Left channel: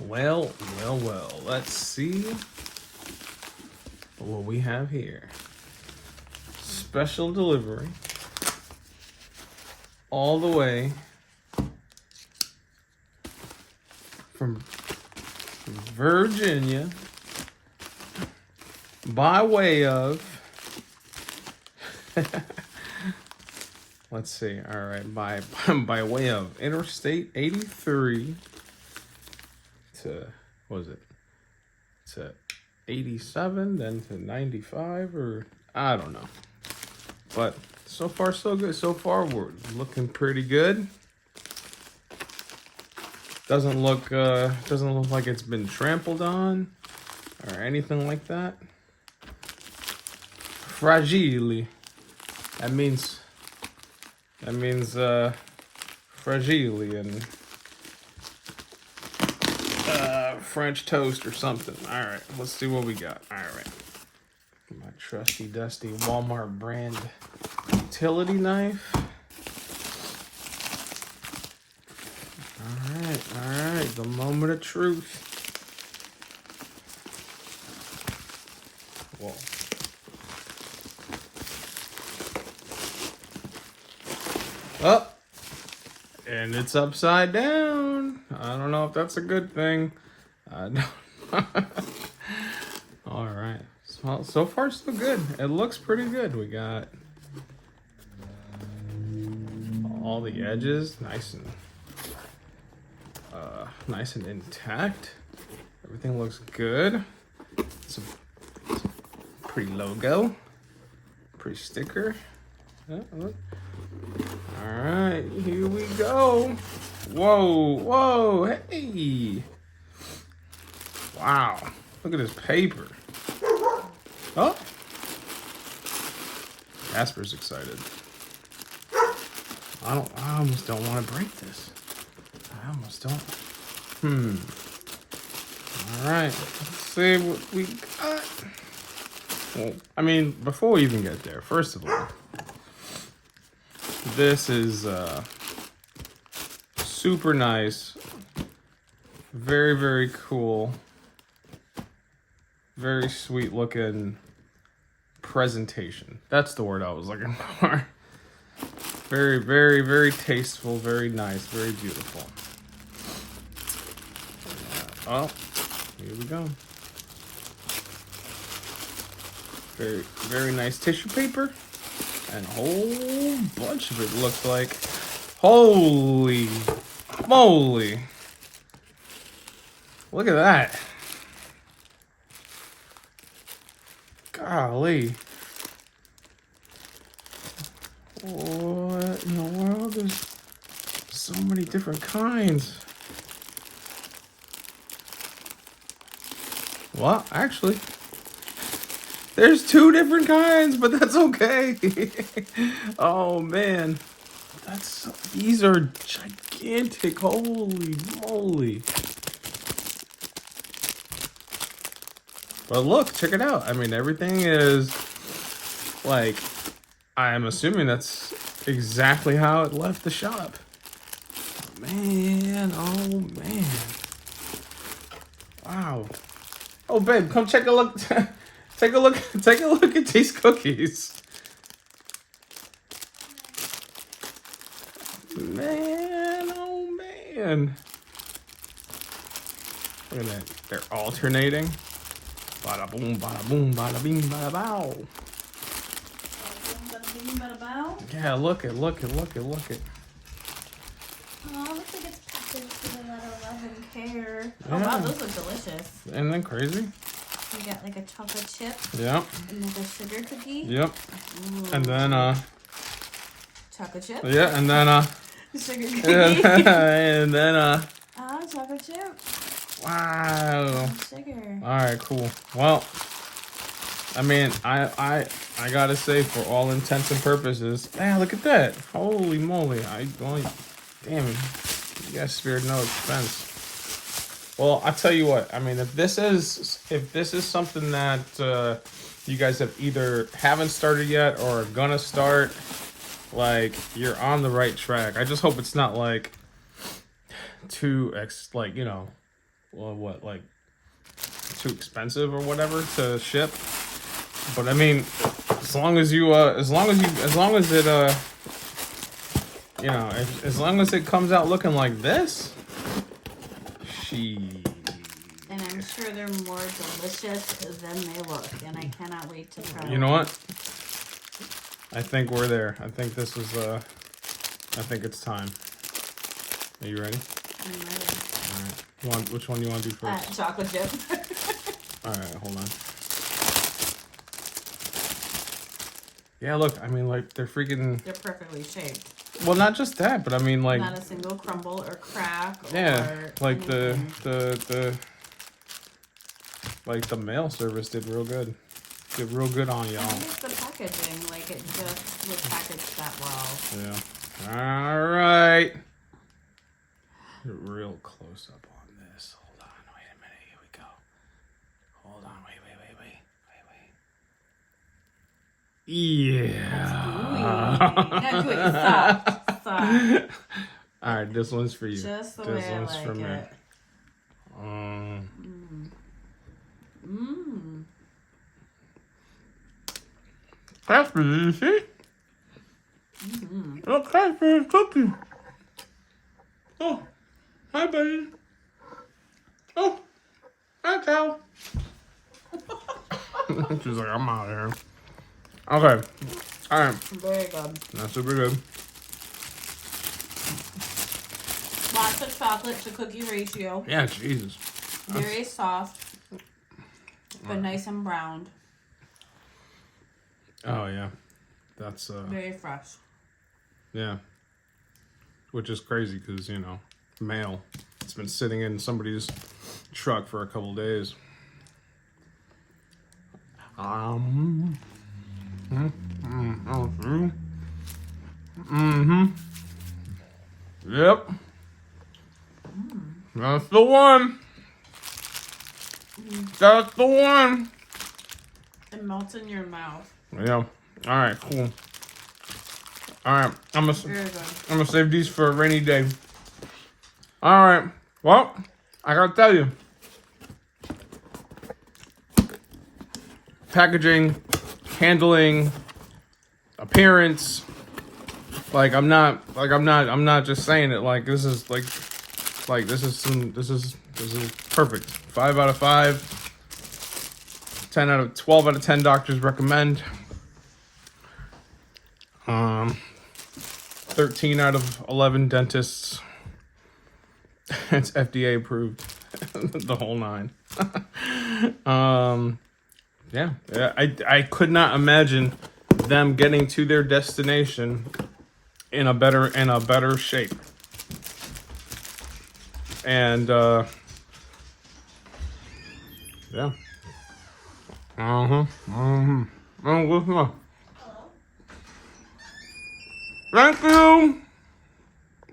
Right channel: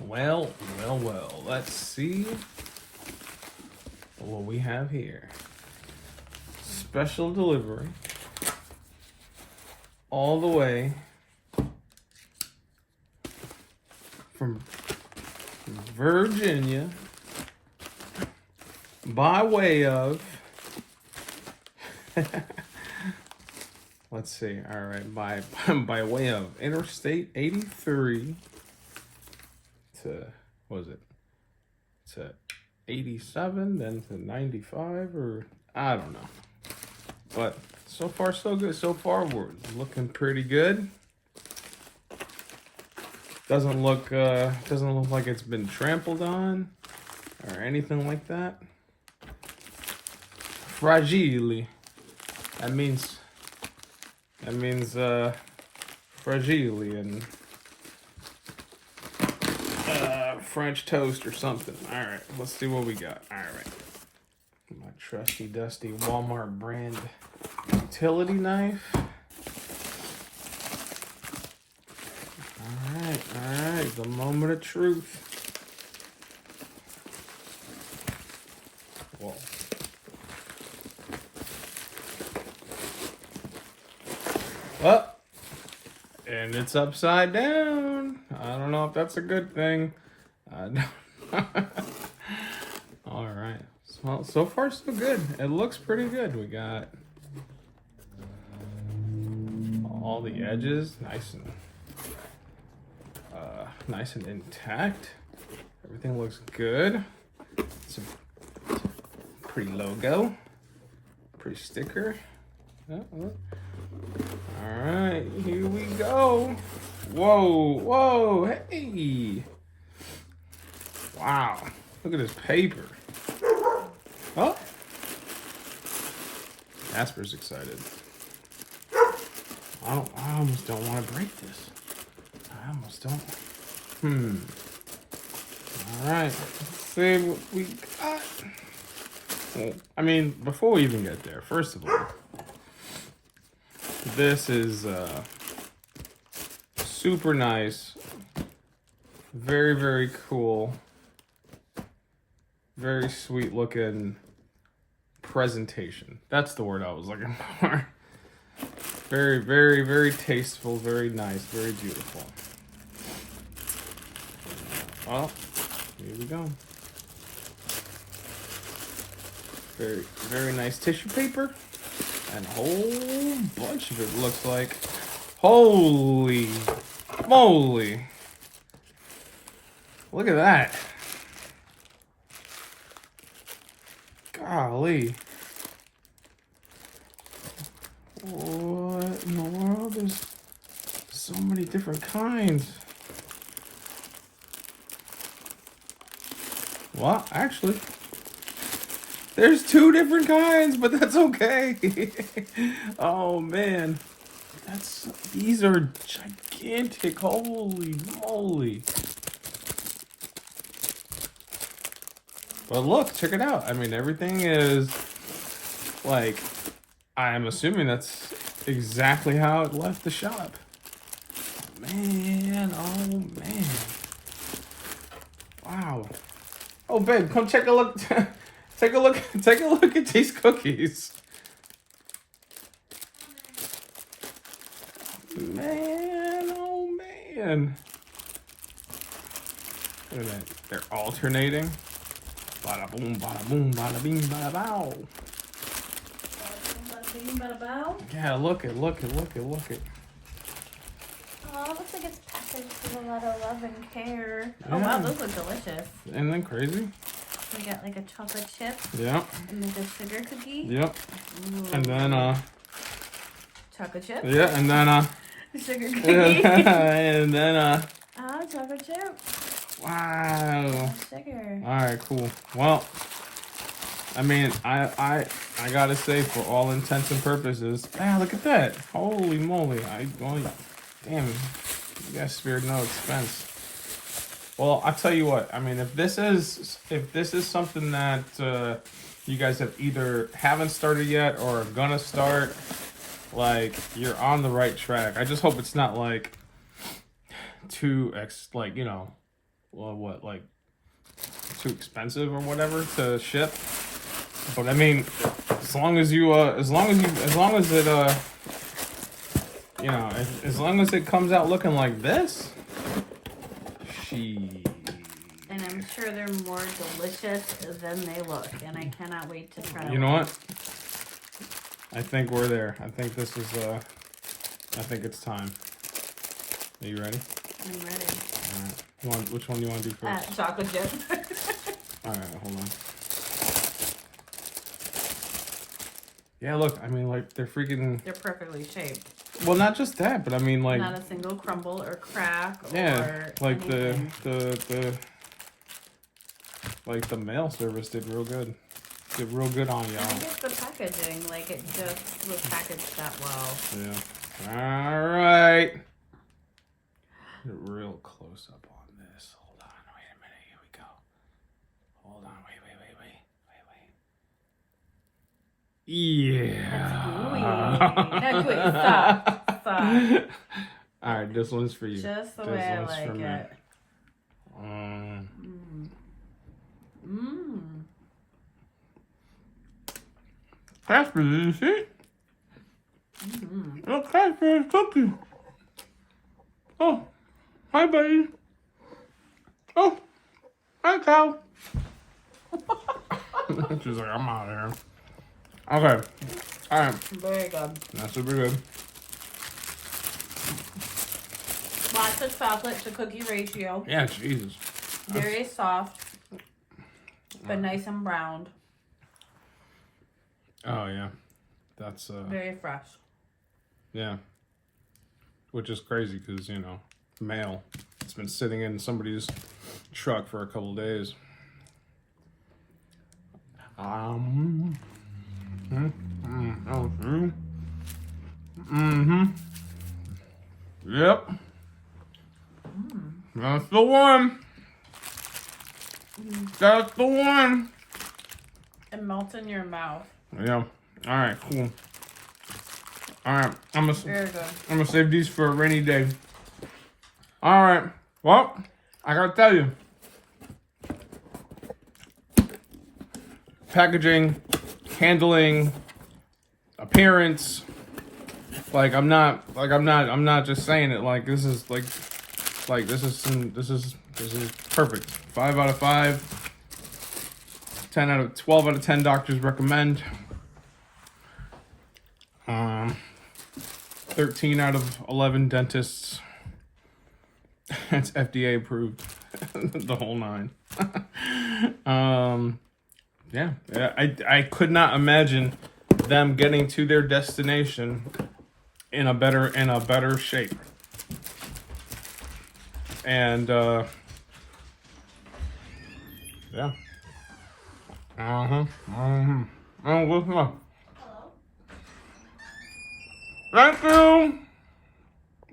Well, let's see what we have here. Special delivery all the way from Virginia by way of let's see, all right, by way of Interstate 83 to, what was it, to 87, then to 95, or I don't know. But so far so good. So far we're looking pretty good. Doesn't look like it's been trampled on or anything like that. Fragile. That means fragile in French toast or something. All right, let's see what we got. All right, my trusty dusty Walmart brand utility knife. All right, the moment of truth. Whoa. Oh, and it's upside down. I don't know if that's a good thing. I don't. All right. Well, so far so good. It looks pretty good. We got all the edges nice and intact. Everything looks good. It's a pretty logo, pretty sticker. All right, here we go. Whoa, hey. Wow, look at this paper. Oh, Casper's excited. I almost don't want to break this. I almost don't. All right, let's see what we got. Well, I mean, before we even get there, first of all, this is super nice, very, very cool, very sweet looking presentation. That's the word I was looking for. Very, very, very tasteful, very nice, very beautiful. Oh, here we go. Very, very nice tissue paper. And a whole bunch of it looks like. Holy moly. Look at that. Golly. What in the world? There's so many different kinds. Well, actually, there's two different kinds, but that's okay. Oh man, these are gigantic. Holy moly! But look, check it out. I mean, everything is like, I am assuming that's exactly how it left the shop. Man, oh man. Wow. Oh babe, come check a look. Take a look at these cookies. Man, oh man. Look at that. They're alternating. Bada boom, bada boom, bada bing, bada bow. Bada bing, bada bow. Yeah, look it. Oh, it looks like it's packaged with a lot of love and care. Yeah. Oh wow, those look delicious. Isn't that crazy? You got like a chocolate chip. Yep. And then the sugar cookie. Yep. Ooh. And then chocolate chip. yeah, and then Sugar cookie. and then Oh, chocolate chip. wow. Sugar. All right, cool. Well, I mean, I gotta say, for all intents and purposes, look at that! Holy moly! Damn, you guys spared no expense. Well, I'll tell you what. I mean, if this is something that you guys have either haven't started yet or are gonna start, like, you're on the right track. I just hope it's not like too like too expensive or whatever to ship. But I mean, as long as it as long as it comes out looking like this, And I'm sure they're more delicious than they look, and I cannot wait to try. You know what? I think we're there. I think this is I think it's time. Are you ready? I'm ready. All right. Which one do you want to do first? Chocolate chip. All right, hold on. Yeah, look. I mean, like they're freaking. They're perfectly shaped. Well, not just that, but I mean, like. Not a single crumble or crack. Yeah, or like anything. the mail service did real good. Did real good on y'all. I think it's the packaging. Like it just was packaged that well. Yeah. All right. Get real close up on this. Hold on. Wait a minute. Here we go. Hold on. Wait. Yeah. That's gooey. Stop. All right, this one's for you. Just the this way I one's like for me. it. Mmm. That's for you, see? Look, that's for his cookie. Oh, hi, buddy. Oh, hi, cow. She's like, I'm out of here. Okay. All right. Very good. That's super good. Lots of chocolate to cookie ratio. Yeah, Jesus. Very soft, but nice and browned. Oh, yeah. That's, Very fresh. yeah. Which is crazy because, mail. It's been sitting in somebody's truck for a couple days. Yep. That's the one. That's the one. It melts in your mouth. Yeah. All right. Cool. All right. I'm Very good. gonna save these for a rainy day. All right. Well, I gotta tell you, packaging, handling, appearance. I'm not just saying it. Like this is this is perfect. 5 out of 5. 12 out of 10 doctors recommend. 13 out of 11 dentists. It's FDA approved. The whole 9. Yeah. I could not imagine them getting to their destination in a better shape. And yeah. Oh, what's up? Thank you.